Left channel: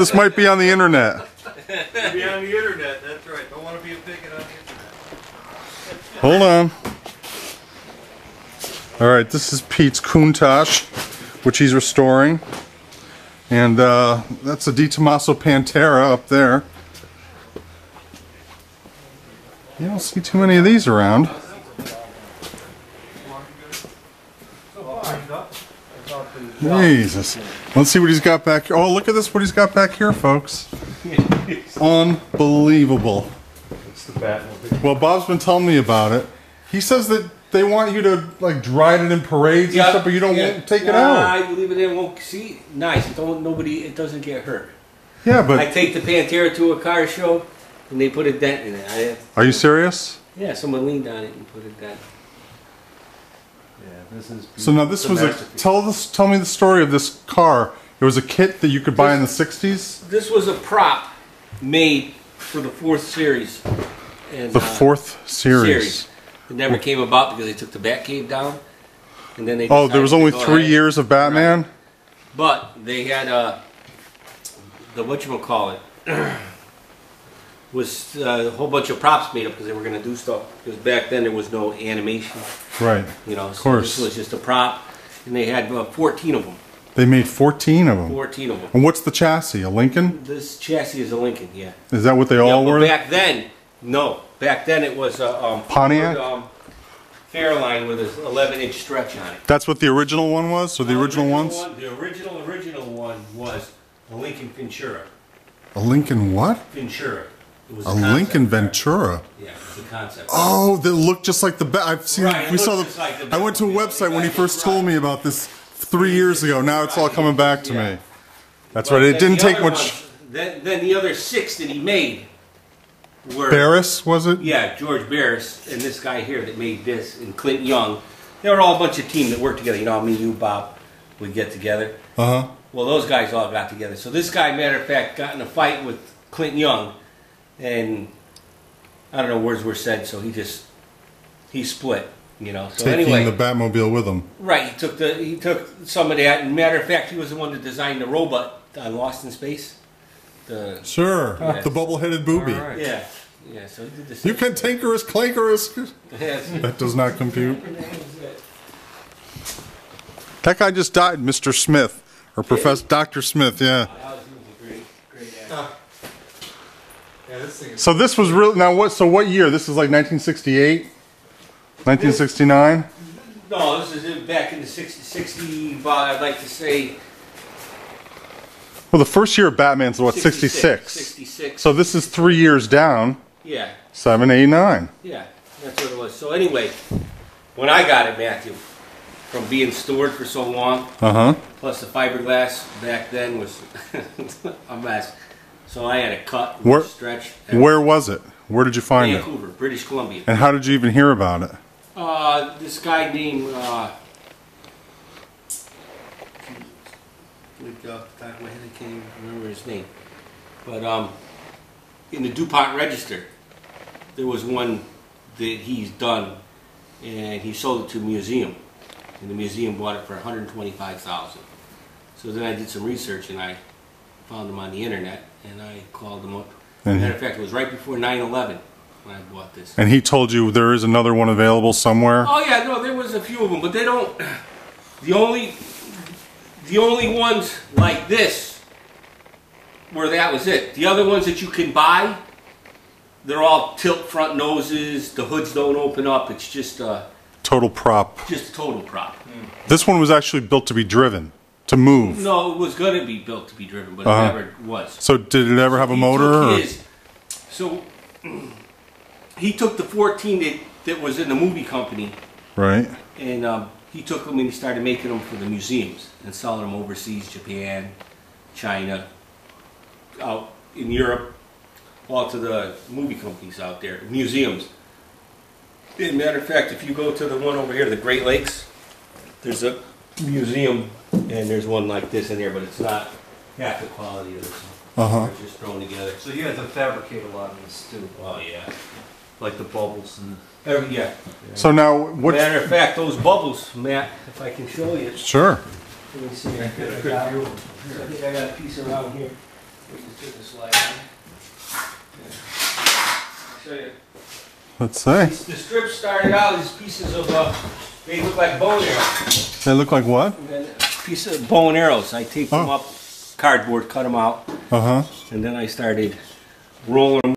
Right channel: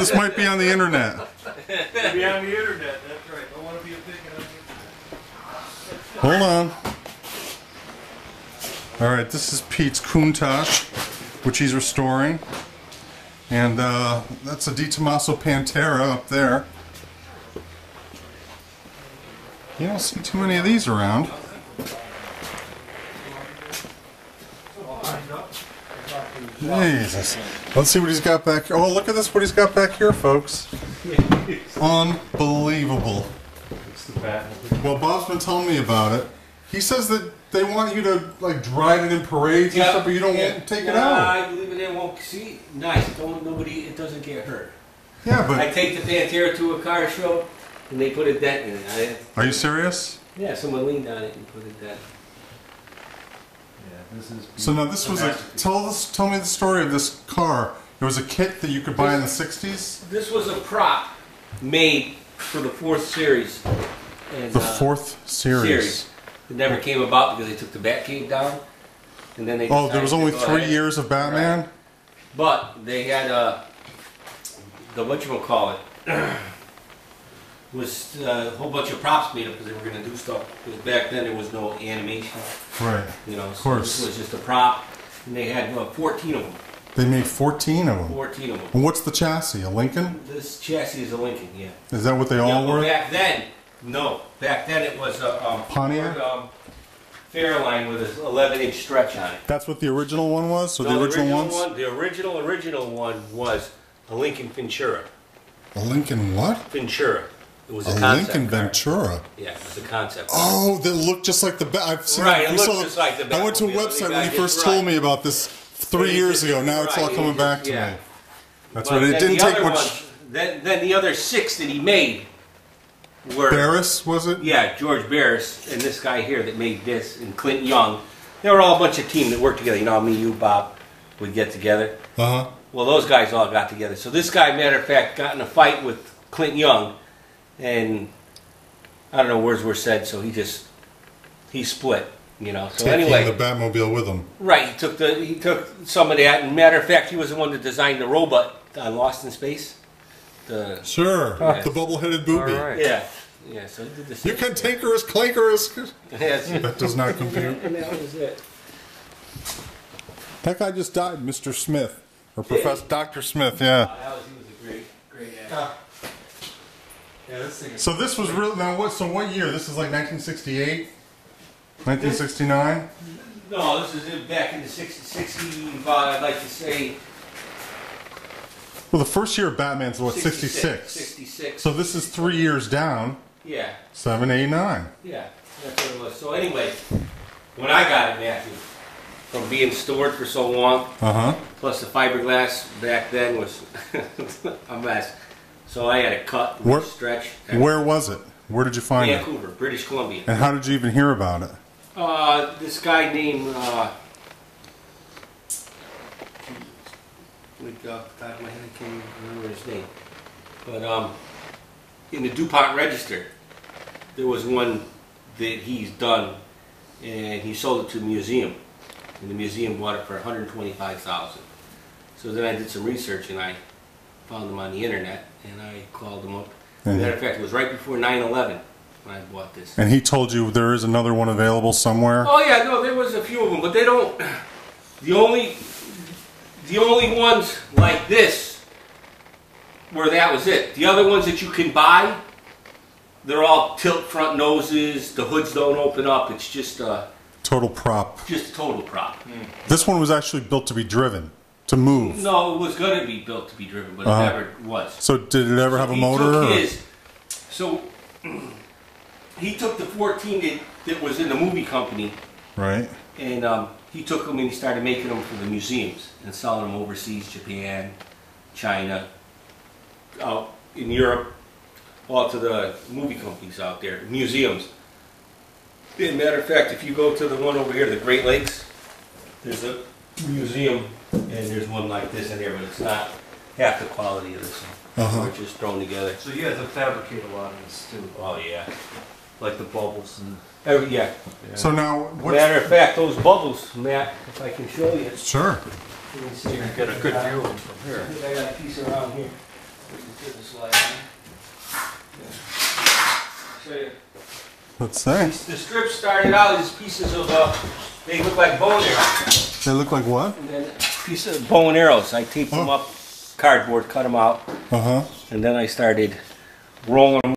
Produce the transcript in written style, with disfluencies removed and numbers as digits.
This might be on the internet. Be on the internet, that's right. Don't want to be a bigot on the internet. Hold on. Alright, this is Pete's Countach, which he's restoring. And that's a Di Tommaso Pantera up there. You don't see too many of these around. Jesus. Let's see what he's got back here. Oh, look at this, what he's got back here, folks. Unbelievable. It's the Batmobile. Well, Bob's been telling me about it. He says that they want you to like ride it in parades and stuff, but you don't want to take it out. I leave it in. Won't see. Nice. It doesn't get hurt. Yeah, but I take the Pantera to a car show, and they put a dent in it. Are you serious? Yeah, someone leaned on it and put a dent. Yeah, this is. So now this was a tell me the story of this car. It was a kit that you could buy in the '60s. This was a prop made for the 4th series. And, The 4th series. It never came about because they took the Batcave down, and then they. Oh, there was only to go 3 ahead. years of Batman. Right. But they had the whatchamacallit was a whole bunch of props made up because they were going to do stuff. Because back then there was no animation. Right. You know, Of so course. this was just a prop, and they had 14 of them. They made 14 of them. 14 of them. And what's the chassis? A Lincoln? This chassis is a Lincoln, yeah. Is that what they all But were? back then, no. Back then it was a Pontiac? Fairline with an 11-inch stretch on it. That's what the original one was? So No, the original ones? The original one was a Lincoln Ventura. A Lincoln what? Ventura. It was A concept Lincoln car. Ventura. Yeah, it was a concept. Oh, that looked just like the Bat. I've seen. Right, it we saw looks the. just like the I went to a Batmobile. website when he Right, first right. told me about this 3 years ago. Now it's all Right, coming back to yeah. me. That's But what it then didn't the take other much. ones- then the other 6 that he made were Barris was it? Yeah, George Barris and this guy here that made this, and Clint Young. They were all a bunch of team that worked together. You know, me, you, Bob, would get together. Uh huh. Well, those guys all got together. So this guy, matter of fact, got in a fight with Clint Young, and I don't know, words were said, so he split. You know. So Taking anyway, the Batmobile with him. right? He took some of that. And matter of fact, he was the one that designed the robot on Lost in Space. Sure. Yes. The bubble-headed booby. All right. Yeah. Yeah. So he did the same. You can tankerous, clankerous. Yes. That does not compute. And that was it. That guy just died, Mr. Smith, or Professor Dr. Smith. Yeah. He was a great actor. Yeah, this thing is. So this was real. Now what? So what year? This is like 1968, 1969. No, this is back in the 60, I'd like to say Well, the first year of Batman's what? 66. 66. So this is 3 years down. Yeah, 7, 8, 9. yeah, that's what it was. So anyway, when I got it, Matthew, from being stored for so long, plus the fiberglass back then was a mess. So I had to cut, Where- stretch. Where was it? Where did you find it? Vancouver, British Columbia. And how did you even hear about it? This guy named, off the top of my head, I can't even remember his name. But in the DuPont Register, there was one that he's done, and he sold it to a museum, and the museum bought it for $125,000. So then I did some research, and I found him on the internet, and I called him up. Matter of fact, it was right before 9/11 when I bought this. And he told you there is another one available somewhere? Oh yeah, no, there was a few of them, but they don't. The only ones like this where that was it. The other ones that you can buy, they're all tilt front noses. The hoods don't open up. It's just Total prop. a total prop. This one was actually built to be driven, to move. No, it was going to be built to be driven, but it never was. So did it ever have a He motor? took or- his, so he took the 14 that was in the movie company. Right. And he took them and he started making them for the museums and selling them overseas, Japan, China, out in Europe, all to the movie companies out there, museums. As a matter of fact, if you go to the one over here, the Great Lakes, there's a museum and there's one like this in there, but it's not half the quality of this one. It's just thrown together. So you had to fabricate a lot of this too, Oh yeah. like the bubbles and. Yeah. So now, what? Matter of fact, those bubbles, Matt, if I can show you. Sure. Let me see. Get a good view of them from I here. think I got a piece around here. Put the slide on. I'll show you. Let's see. The strips started out as pieces of, they look like bow and arrows. They look like what? And then a piece of bow and arrows. I taped them up, cardboard, cut them out. Uh-huh. And then I started rolling them